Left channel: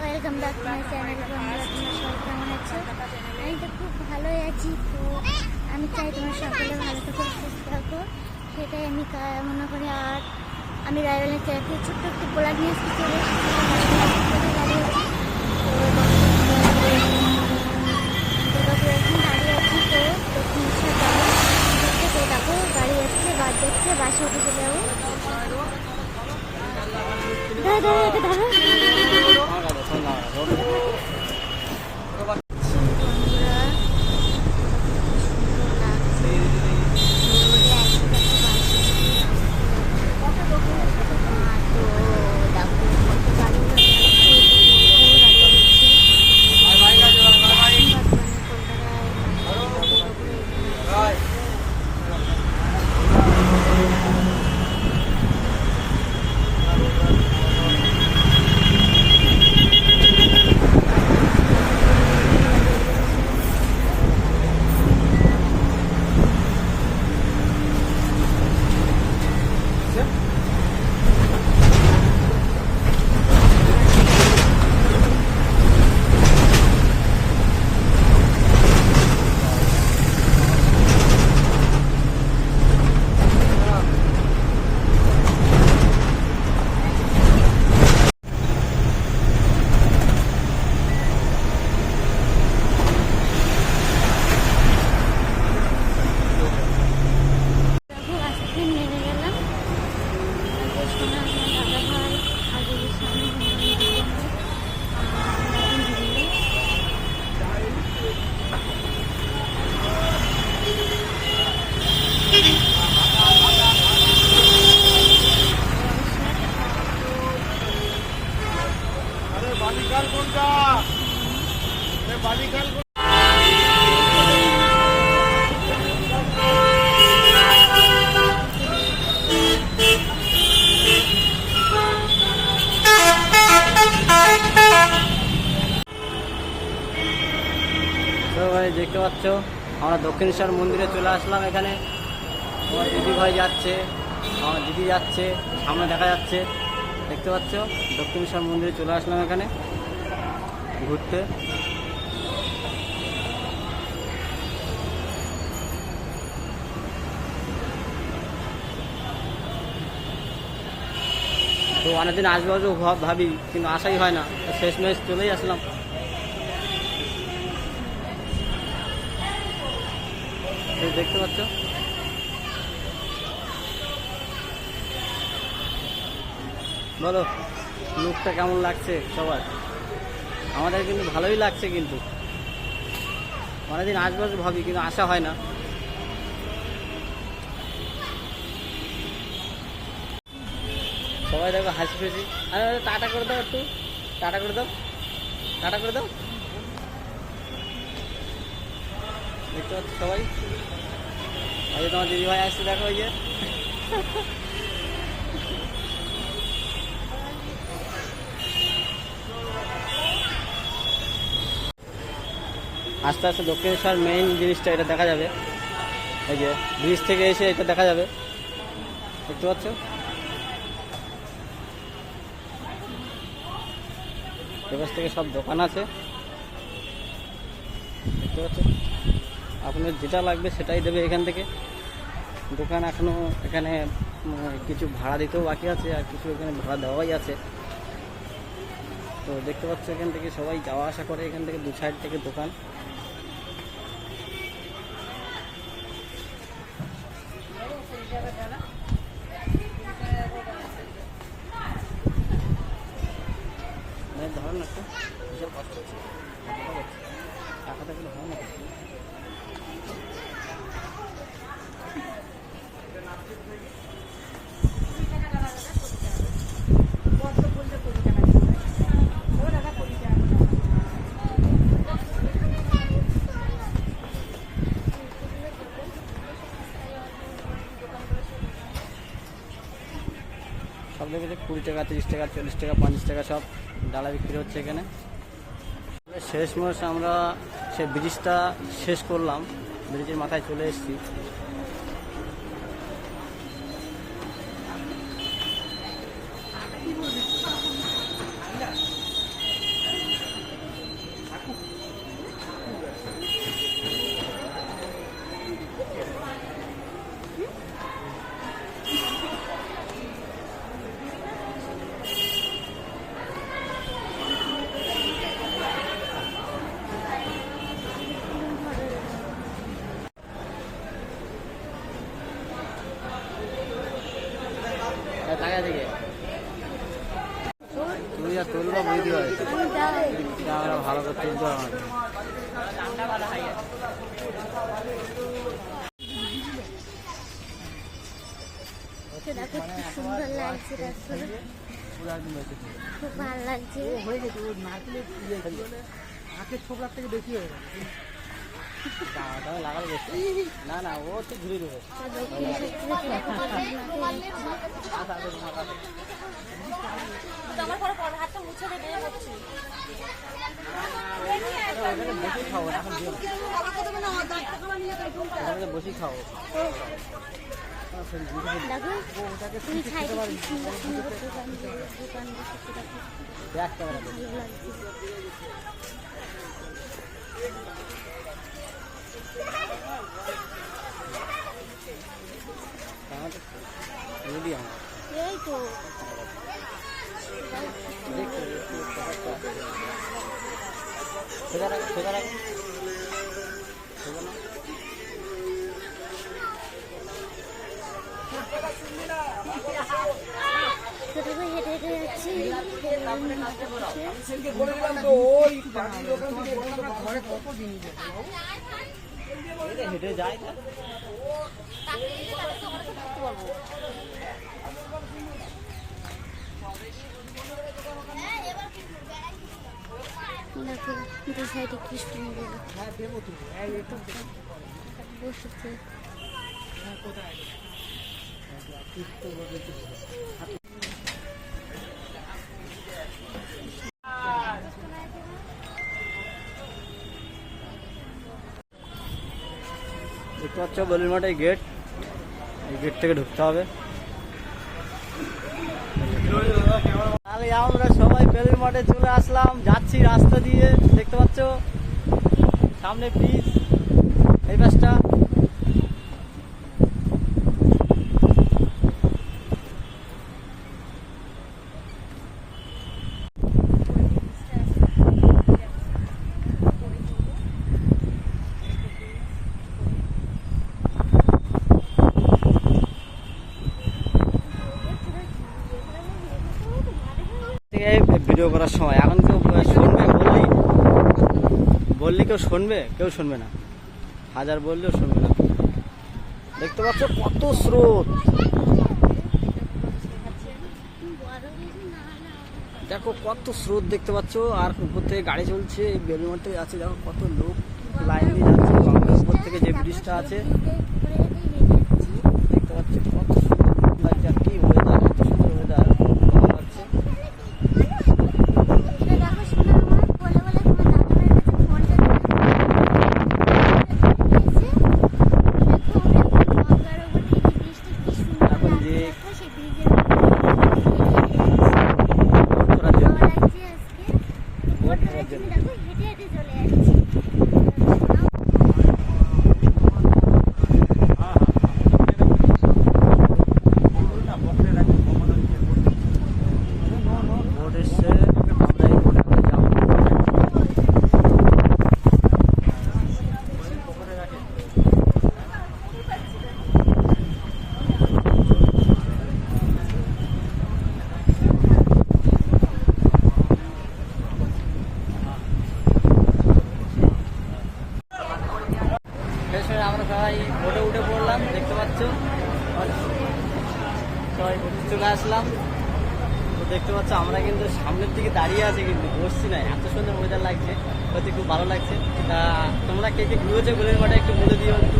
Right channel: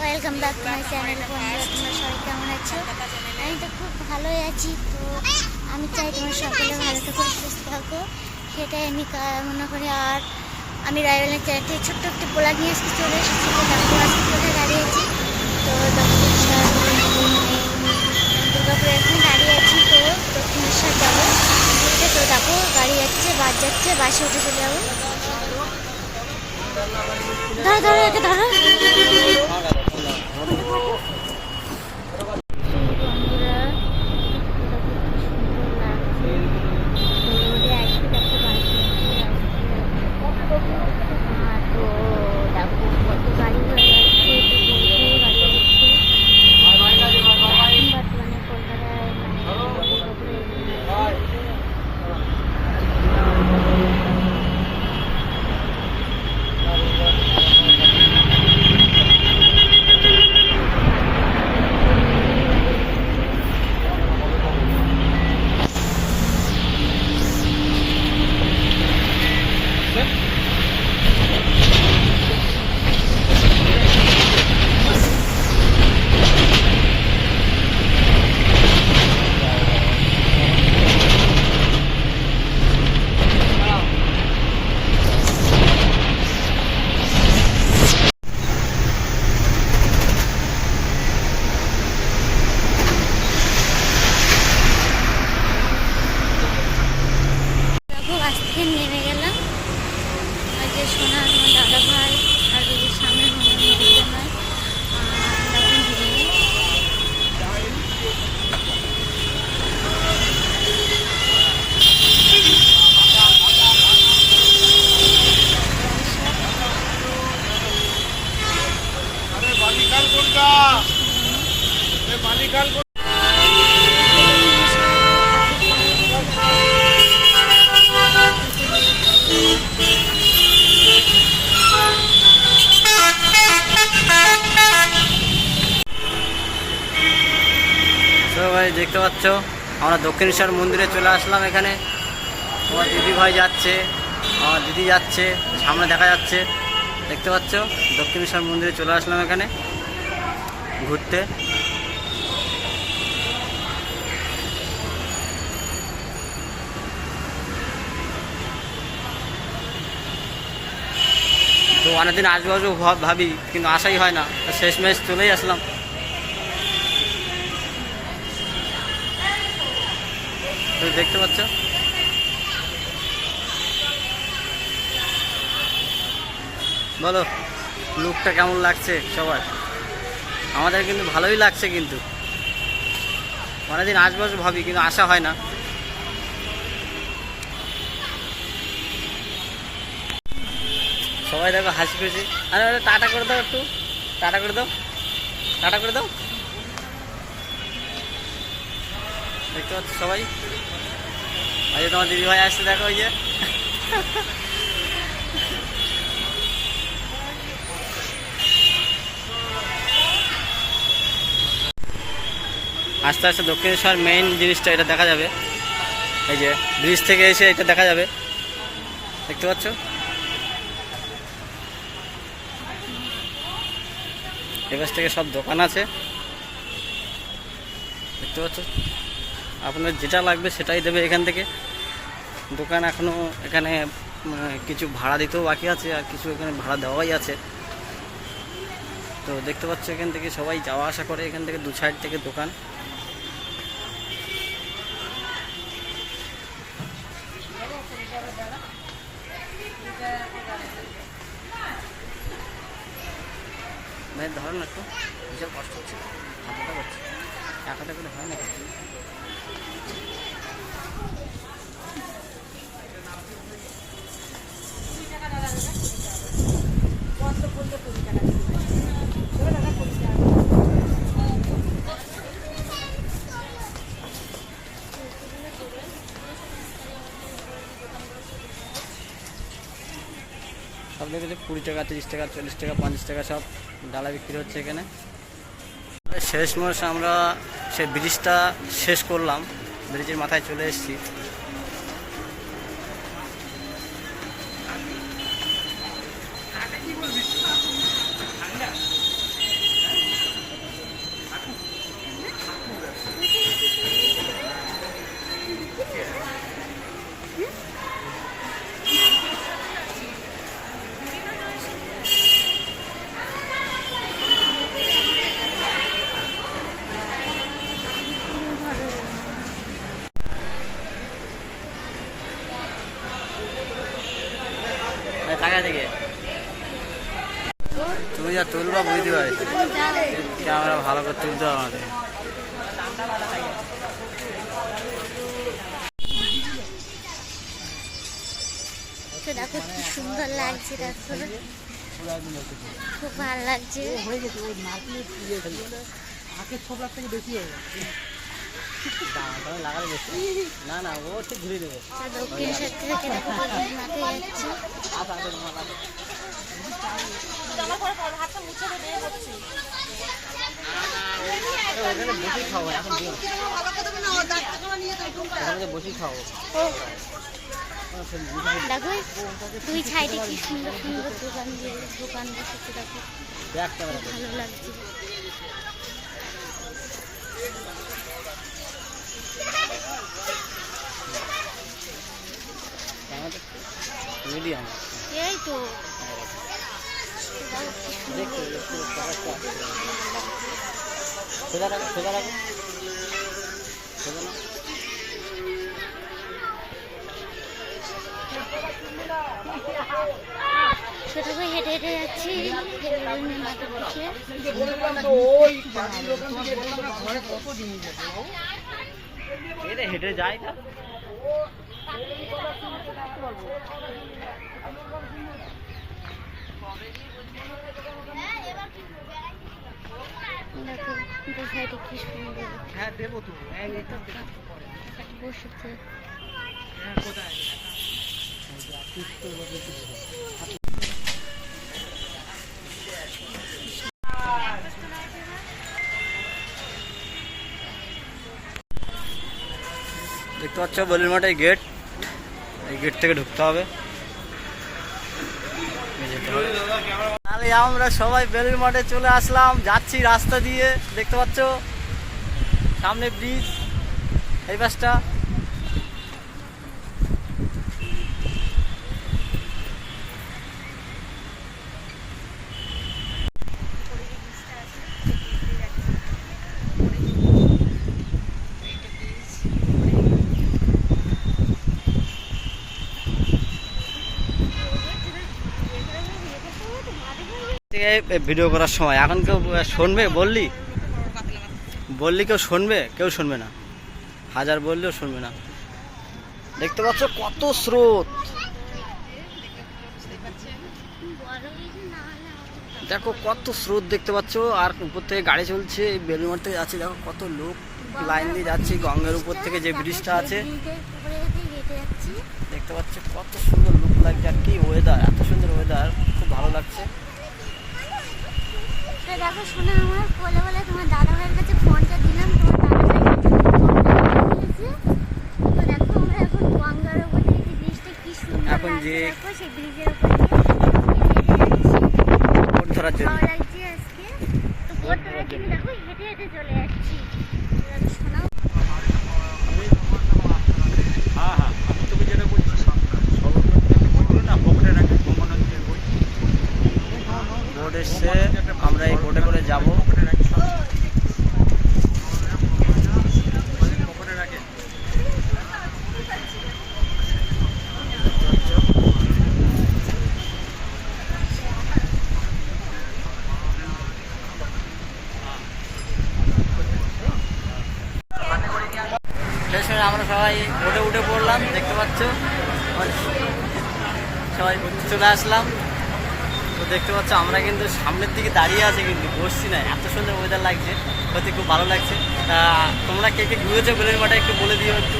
Welcome back to my channel. বন্ধুরা, তোমরা সবাই কেমন আছো? আমি তো খুব ভালোই আছি। তো আমি চাই তোমরা সকলে ভালো থাকো, সুস্থ থাকো, সেটাই আমি মনে করি। আর আমি রায়বেলের চ্যানেল থেকে ছোট্ট একটি ব্লগ নিয়ে আসতে চলে এসেছি। তো দেখো আজকে কোথায় দাঁড়িয়েছি। তো দুর্গাপুরে এখানে দাঁড়িয়ে আছি। তো দক্ষিণেশ্বর যাবো ঘুরতে। তো দেখো গাড়ি যাচ্ছে, বাস যাচ্ছে, বাসে উঠে চলে যাবো। ধরো ধরো, একে ধরো। বন্ধুরা, সুন্দর লাগছে। রোডে আছি, দেখো বাসে তো দেখো কত গাড়ি ঘোড়া যাচ্ছে। তো বহু গাড়ি যাচ্ছে। এখন বর্তমানে কলকাতায় দুর্গাপুরে বাস থেকে নেমে গেলাম। ওই যে সোনা আমার দাদা ভাই, আর ওই যে সামনে নদীতে হয়। আর এখন ভেঙে তো ভাই দেখতে পাচ্ছ আমরা দক্ষিণেশ্বর মন্দিরে চলে আসলাম। এখানে আমার দিদি ভাই যাচ্ছে, আমার দিদি যাচ্ছে, সামনে দেখা যাচ্ছে। দেখতে পাচ্ছ দক্ষিণেশ্বর মন্দিরে চলে আসলাম এখানে ঘুরতে। তো অনেকদিন আসবো আসবো ভাবি, কিন্তু আসাই হয় না। তো শেষমেশ চলেই আসলাম। তো দেখতে পাচ্ছ বলো লুকটা কেমন লাগছে সবার? আমাদের কিন্তু ভালোই লাগছে, কিন্তু অনেকদিন আসবো আসবো ভাবি, কিন্তু আসা হয় না। সবাই দেখো হাসি খুশি। আরে আরে টাটা করে দাও, একটু টাটা করে দাও, টাটা করে দাও। দেখতে পাচ্ছ সবাই। ওই যে তোমার দিদি ভাই আসছে, দেখো ওই যে। আস্তে আস্তে দক্ষিণেশ্বর মেইন জিনিসটা এটা দেখা যাবে। এই যে ব্রিজ থেকে এসে এটা দেখা যাবে, দেখতে পাচ্ছ। এপাশ থেকে সব দোকান আছে, দেখতে পাচ্ছ। আপনার যেটা লাগবে সেটাই দেবে এখান থেকে। দোকান এখনও এখানে কিছু ভাড়া দিতেও বাকি আছে, আর কিছু এখানে ভাড়া দেওয়াই আছে। তো দেখতে পাচ্ছ এখান থেকে সবাই যাওয়া আসা করে, এখান থেকে দু সাইড থেকে দোকান। ভাই ধরো না একটু, বিশাল কষ্ট হচ্ছে, হাতটা করছে, এক হাতে করে হয় না। সব দেখেছে 20 টাকা, 30 টাকা, 40 টাকা, 50 টাকা সব ডালা বিক্রি হচ্ছে এখানে। শেষমেশ আমরা সেই ব্রিজটা শেষ করলাম, ব্রিজের মাথায় চলে এসেছি। কাছাকাছি গিয়ে তুমি যা তুলবা বুঝতে পারিস ক্যামেরা ভালো করে তুলতে হবে আমাদের। তো দেখো কি সুন্দর লাগছে, দেখো খুব ভালো লাগছে। না না ও হচ্ছে ঘুরে দেবে। তো দক্ষিণ সাইড থেকে দেখো বেলুন মাঠে যাচ্ছি। বসে খাও দেখো দুই সাইডে কি সুন্দর সুন্দর দোকান বসেছে, দেখো ভালো লাগছে। মিডিয়াম এই তো দেখো কি সুন্দর। ছোট করে হেঁটে হেঁটে যাচ্ছি বেলুনের মাথা বসে। হেঁটে যায় না দেখো দু সাইডে কি সুন্দর বসেছে। দেখতে পাচ্ছ বেলুন মাঠে গেট, এই গেট থেকে ঢুকতে হবে। তাহলে আমরা সবাই বেলুন মাঠে চলে আসলাম, যাচ্ছি রাস্তা দিয়ে। দেখতে পাচ্ছ সামনে ব্রিজ, এই পাশটা। ভিডিও করার সময় এখন কেউ শুনবে? বললি কেউ শুনবে? কেউ শুনবে না, হাজার বললেও শুনবে না। দেখতে পাচ্ছ কত স্রোত, দেখো কত স্রোত দেখতে পাচ্ছ। আর উপর থেকে গাড়ি চলছে, এই বেলুন মাঠ থেকে যাচ্ছে, দেখো কত লোক লাইন দিয়ে যাচ্ছে গঙ্গার উপর থেকে যে ব্রিজটা আছে। দেখতে পাচ্ছ কত সুন্দর লোক লাগছে, আর কি ওয়েদার, এত সুন্দর ওয়েদার, ভালো লাগছে। এখন যে বোট এসছে, আমরা এই বোটে করে যাবো। আমরা সবাই বোটে উঠে পড়লাম, দেখতে পাচ্ছ সবাই চলে আসলাম। তো দেখতে পাচ্ছ আমরা কিন্তু সামনের দিকে দাঁড়িয়ে আছি, কিন্তু বসছি না, এত সুন্দর ওয়েদার লাগছে, হয়তো খুব ভালো লাগছে। তা তোমরা কে কে ঘুরেছো বেলুন মাঠে একটু বলে দিও একটু।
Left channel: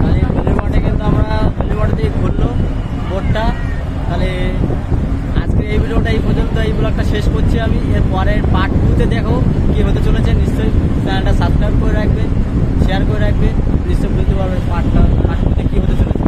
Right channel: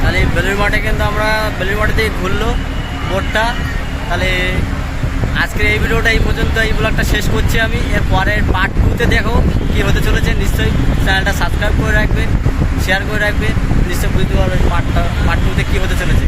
তাহলে বেলুন মাঠে কিন্তু আমরা বেলুন মাঠে দিয়ে ঘুরলো বোটটা। তাহলে আজকের এই ভিডিওটা এই পর্যন্ত, এই ব্লগটা শেষ করছি আমি। এর পরের পার্ট 2-তে দেখো কী হতে চলেছে। নিশ্চয়ই চ্যানেলটা সাবস্ক্রাইব করে রাখবে, শেয়ার করে রাখবে, নিশ্চয়ই বুঝতে পারবে পার্ট 2-তে কী হতে চলেছে।